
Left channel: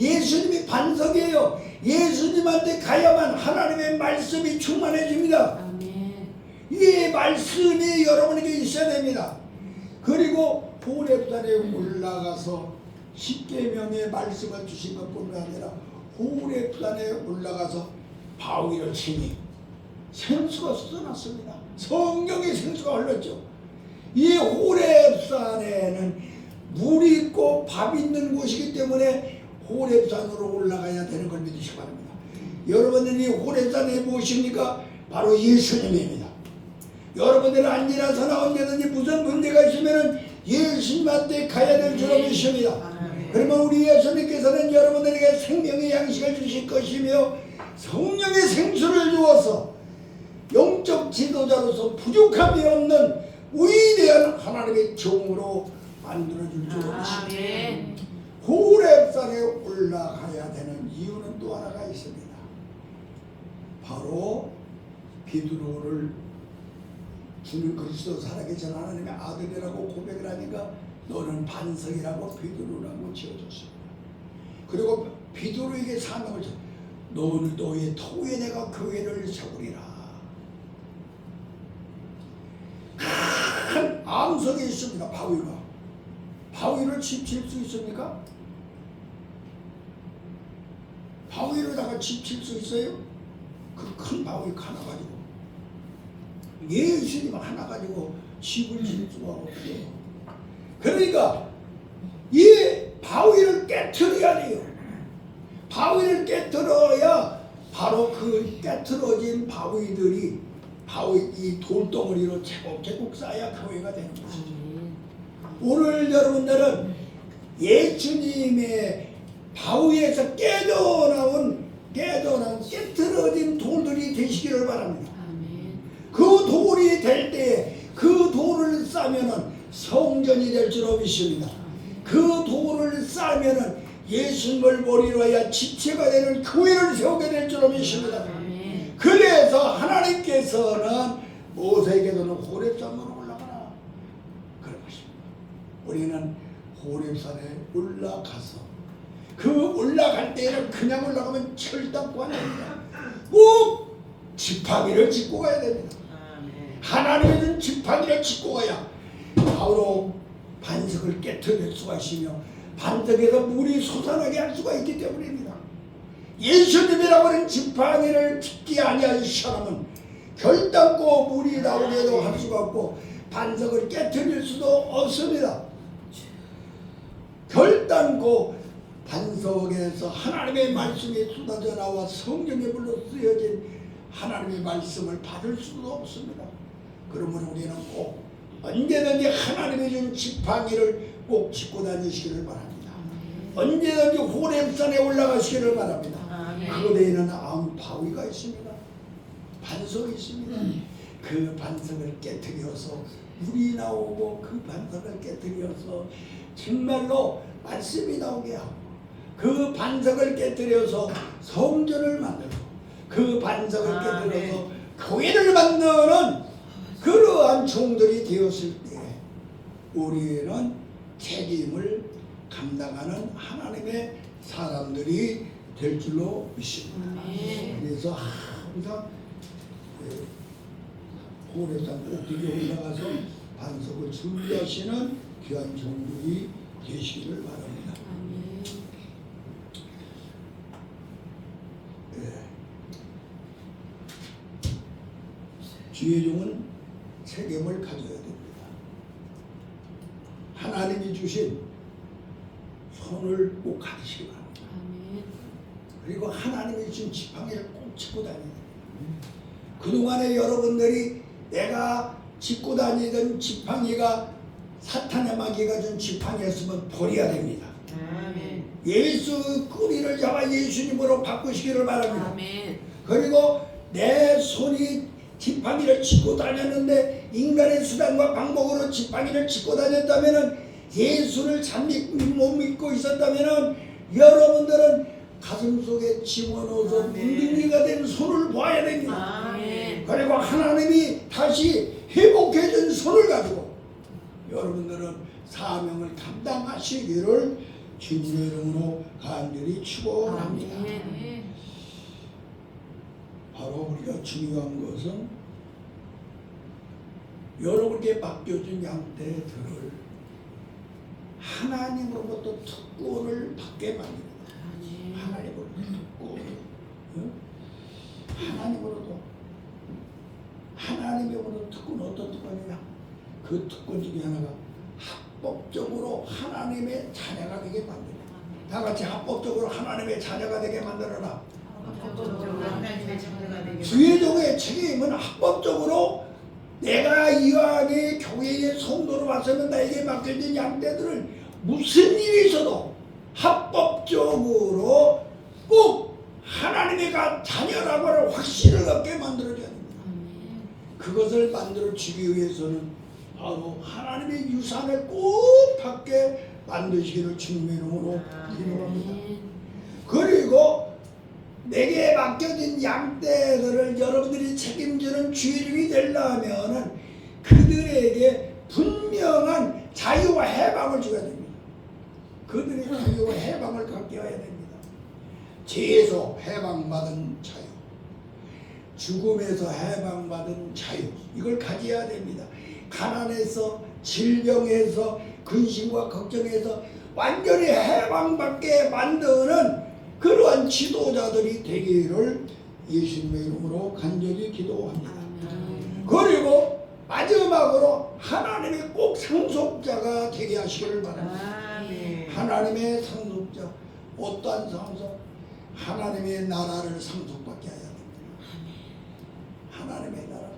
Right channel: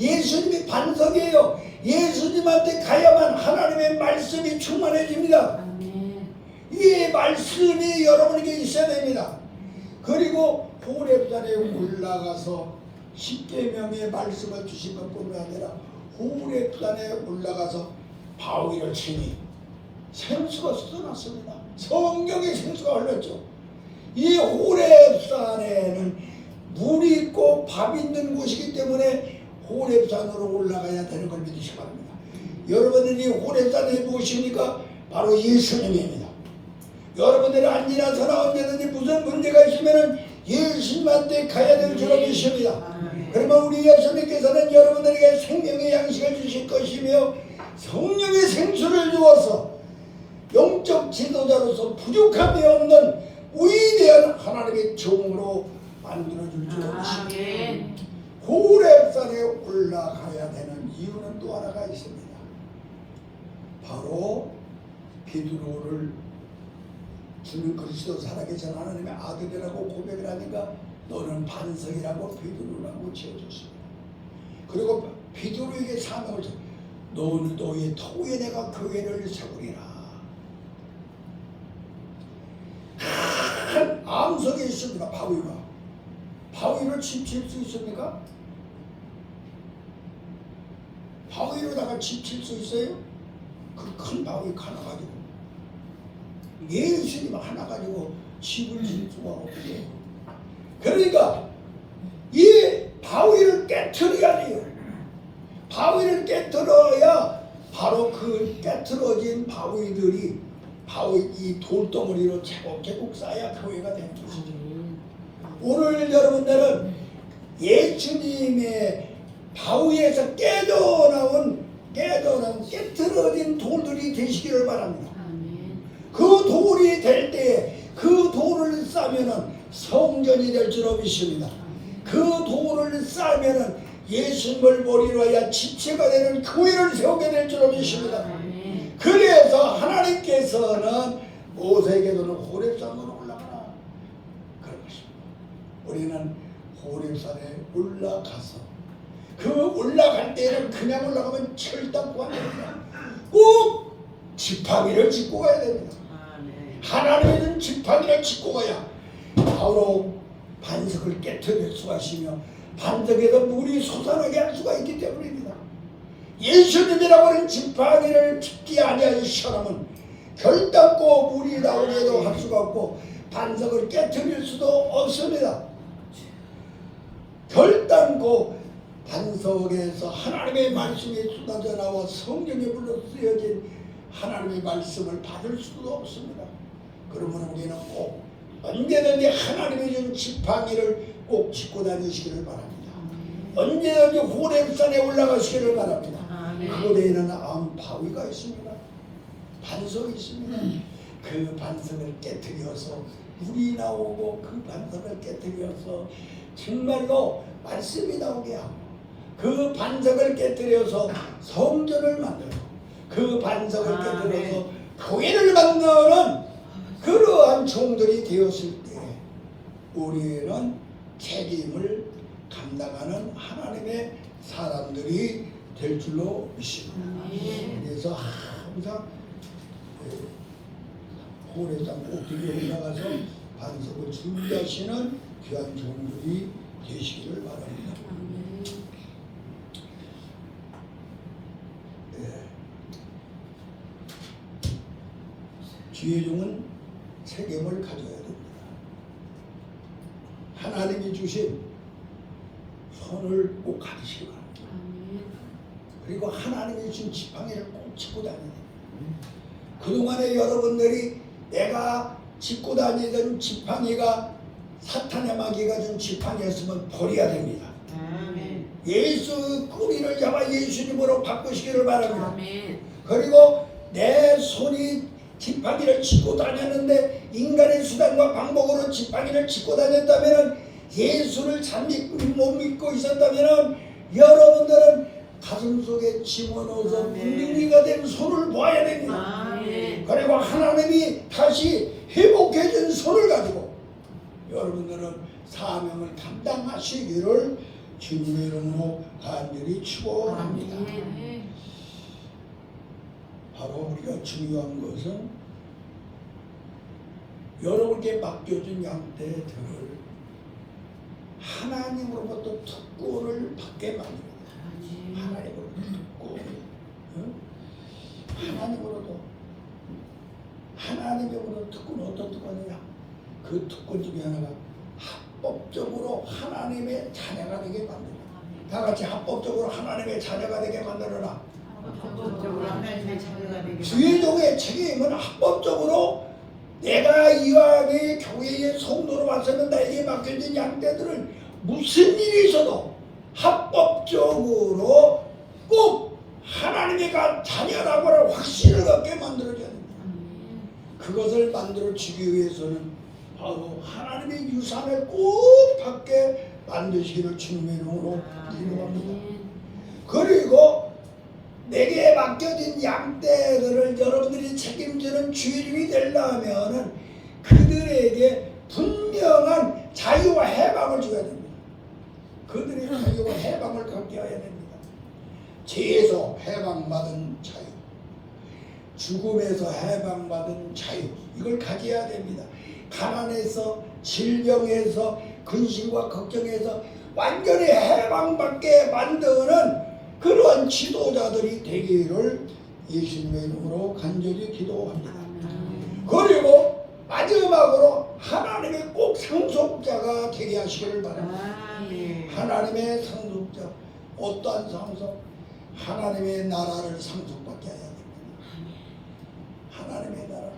예수님이 반석이에요. 예수님한테 가야만 하나님의 말씀이 충만해집니다. 이 말씀이 여러분에게 있어야 됩니다. 그리고 호렙산에 올라가서 십계명의 말씀을 주신 것뿐만 아니라 호렙산에 올라가서 바위를 치니 생수가 쏟아났습니다. 성령의 생수가 흘렀죠. 이 호렙산에는 물이 있고 밥 있는 곳이기 때문에 호렙산으로 올라가야 되는 걸 믿으시기 바랍니다. 여러분들이 호렙산이 무엇입니까? 바로 예수님입니다. 여러분들이 안지나서나 언제든지 무슨 문제가 있으면 예수님한테 가야 될 줄 믿습니다. 그러면 우리 예수님께서는 여러분들에게 생명의 양식을 주실 것이며 성령의 생수를 주어서 영적 지도자로서 부족함이 없는 위대한 하나님의 종으로 만들어줄 줄 믿습니다. 호렙산에 올라가야 되는 이유는 또 하나가 있습니다. 바로 베드로를 주는 그리스도 살아계신 하나님의 아들이라고 고백을 하니까 너는 반석이라고 베드로라고 지어줬습니다. 그리고 베드로에게 사명을 줬습니다. 너는 너의 터 위에 내가 교회를 세우리라. 큰 암석이 있습니다. 바위가. 바위를 칩칠 수 있습니까? 바위로다가 칩칠 수 있어요? 그 큰 바위 하나 가지고 예수님 하나 가지고 집을 질 수가 없어요. 그러니까 이 바위를 깨트려야 돼요. 바위를 깨트려야 바로 그 깨트려진 바위들이 바위 이 돌덩어리로 제곱제곱 쌓아야 교회가 되는 것이죠. 오늘 여러분들은 예수님의 바위에서 깨트려진 돌들이 되시기를 바랍니다. 그 돌이 될 때 그 돌을 싸면은 성전이 될 줄 믿습니다. 그 돌을 싸면은 예수님을 머리로 해야 지체가 되는 교회를 세우게 될 줄 믿습니다. 그래서 하나님께서는 모세에게는 호렙산으로 올라가라 그런 것입니다. 우리는 호렙산에 올라가서 그 올라갈 때는 그냥 올라가면 철답고 안 됩니다. 꼭 지팡이를 짚고 가야 됩니다. 하나님은 지팡이를 짚고 가야 바로 반석을 깨트릴 수가 있으며 반석에서 물이 솟아나게 할 수가 있기 때문입니다. 예수님이라고 하는 지팡이를 짚지 아니한 사람은 결단코 물이 나오게도 할 수가 없고 반석을 깨트릴 수도 없습니다. 결단코 반석에서 하나님의 말씀이 쏟아져 나와 성령의 불로 쓰여진 하나님의 말씀을 받을 수도 없습니다. 그러므로 우리는 꼭 언제든지 하나님의 준 지팡이를 꼭 짚고 다니시기를 바랍니다. 언제든지 호렙산에 올라가시기를 바랍니다. 그 데에는 바위가 있습니다. 반석이 있습니다. 그 반석을 깨트려서 물이 나오고 그 반석을 깨트려서 정말로 말씀이 나오게 하고 그 반석을 깨트려서 성전을 만들고 그 반석을 깨트려서 교회를 만드는 그러한 종들이 되었을 때 우리는 책임을 감당하는 하나님의 사람들이 될 줄로 믿습니다. 그래서 항상 호렙산 꼭대기에 올라가서 반석을 준비하시는 귀한 종들이 되시기를 바랍니다. 주의종은 책임을 가져야 됩니다. 하나님이 주신 손을 꼭 가지시기 바랍니다. 그리고 하나님이 주신 지팡이를 꼭 짚고 다녀야 됩니다. 그동안에 여러분들이 내가 짚고 다니던 지팡이가 사탄의 마귀가 준 지팡이였으면 버려야 됩니다. 예수 꼬리를 잡아 예수님으로 바꾸시기를 바랍니다. 그리고 내 손이 지팡이를 짚고 다녔는데 인간의 수단과 방법으로 지팡이를 짚고 다녔다면 예수를 잘 못 믿고 있었다면 여러분들은 가슴 속에 집어넣어서 문둥이가 된 손을 봐야 됩니다. 그리고 하나님이 다시 회복해준 손을 가지고 여러분들은 사명을 감당하시기를 주님의 이름으로 간절히 축원합니다. 바로 우리가 중요한 것은 여러분께 맡겨준 양떼들을 하나님으로부터 특권을 받게 만듭니다. 하나님으로부터 특권, 하나님으로부터 특권. 어떤 특권이냐? 그 특권 중에 하나가 합법적으로 하나님의 자녀가 되게 만들어라. 다 같이 합법적으로 하나님의 자녀가 되게 만들어라. 주의종의 책임은 합법적으로 내가 이왕에 교회의 성도로 왔으면 나에게 맡겨진 양떼들을 무슨 일이 있어도 합법적으로 꼭 하나님의 자녀라고 확신을 갖게 만들어줘야 됩니다. 그것을 만들어주기 위해서는 바로 하나님의 유산을 꼭 받게 만드시기를 주님의 이름으로 기도합니다. 그리고 내게 맡겨진 양떼들을 여러분들이 책임지는 주인이 되려면 그들에게 분명한 자유와 해방을 줘야 됩니다. 그들의 자유와 해방을 갖게 해야 됩니다. 죄에서 해방받은 자유, 죽음에서 해방받은 자유, 이걸 가져야 됩니다. 가난에서, 질병에서, 근심과 걱정에서 완전히 해방받게 만드는 그러한 지도자들이 되기를 예수님의 이름으로 간절히 기도합니다. 그리고 마지막으로 하나님의 꼭 상속자가 되게 하시기를 바랍니다. 하나님의 상속자, 어떠한 상속? 하나님의 나라를 상속받게 해야 됩니다. 하나님의 나라.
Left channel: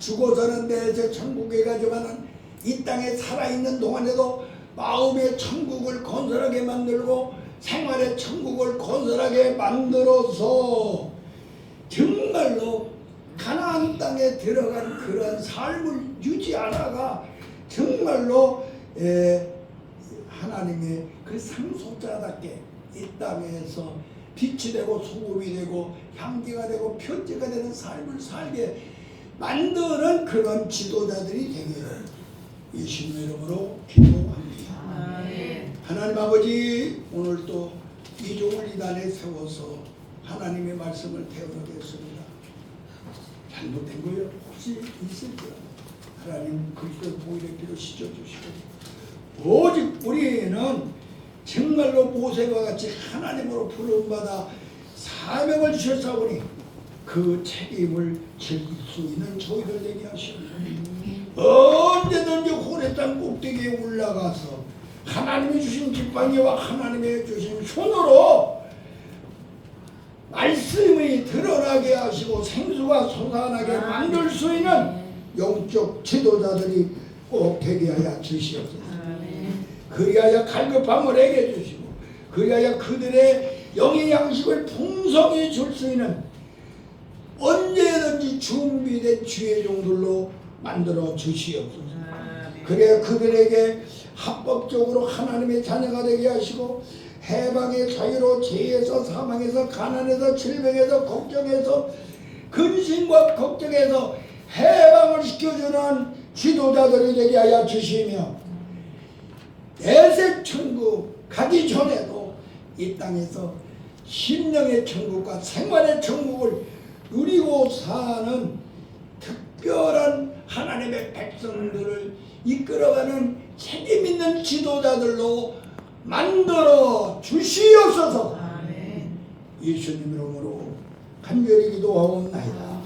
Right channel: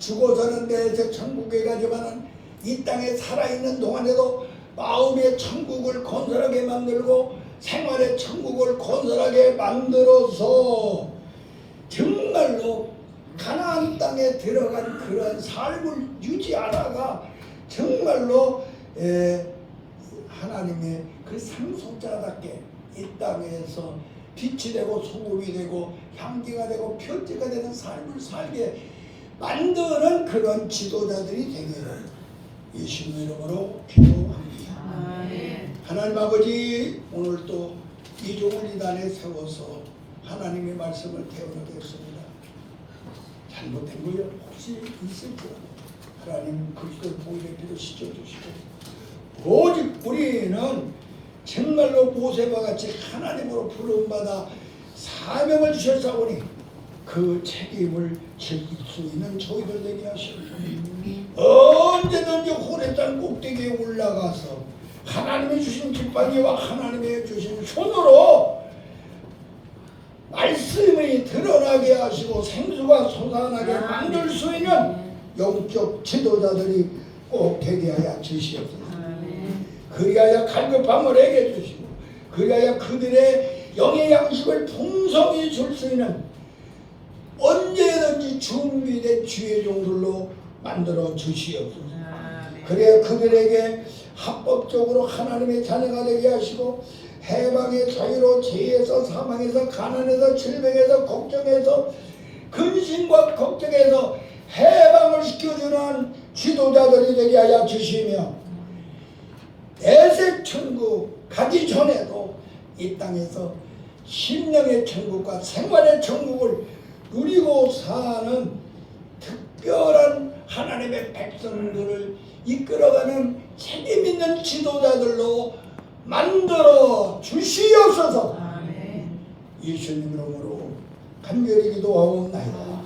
죽어서는 내세 천국에 가져가는 이 땅에 살아있는 동안에도 마음의 천국을 건설하게 만들고 생활의 천국을 건설하게 만들어서 정말로 가나안 땅에 들어간 그런 삶을 유지하다가 정말로 하나님의 그 상속자답게 이 땅에서 빛이 되고 소금이 되고 향기가 되고 편지가 되는 삶을 살게 만드는 그런 지도자들이 되기를 예수님의 이름으로 기도합니다. 하나님 아버지, 오늘 또 이종을 이 단에 세워서 하나님의 말씀을 배우게 되었습니다. 잘못된 거 혹시 있을까요? 하나님 그리스도 보혈의 피로 씻어주시고 오직 우리는 정말로 모세와 같이 하나님으로 부름받아 사명을 주셨사오니 그 책임을 즐길 수 있는 저희들 되게 하시옵소서. 언제든지 호렙산 꼭대기에 올라가서 하나님이 주신 지팡이와 하나님이 주신 손으로 말씀이 드러나게 하시고 생수가 솟아나게 만들 수 있는 영적 지도자들이 꼭 되게 하여 주시옵소서. 그리하여 갈급함을 해게 주시고 그리하여 그들의 영의 양식을 풍성히 줄 수 있는 언제든지 준비된 주의 종들로 만들어 주시옵소서. 그래야 그들에게 합법적으로 하나님의 자녀가 되게 하시고 해방의 자유로 죄에서 사망에서 가난에서 질병에서 걱정에서 근심과 걱정에서 해방을 시켜주는 지도자들이 되게 하여 주시며 내세 천국 가기 전에도 이 땅에서 심령의 천국과 생활의 천국을 누리고 사는 특별한 하나님의 백성들을 이끌어가는 책임 있는 지도자들로 만들어 주시옵소서. 예수님 이름으로 간절히 기도하옵나이다.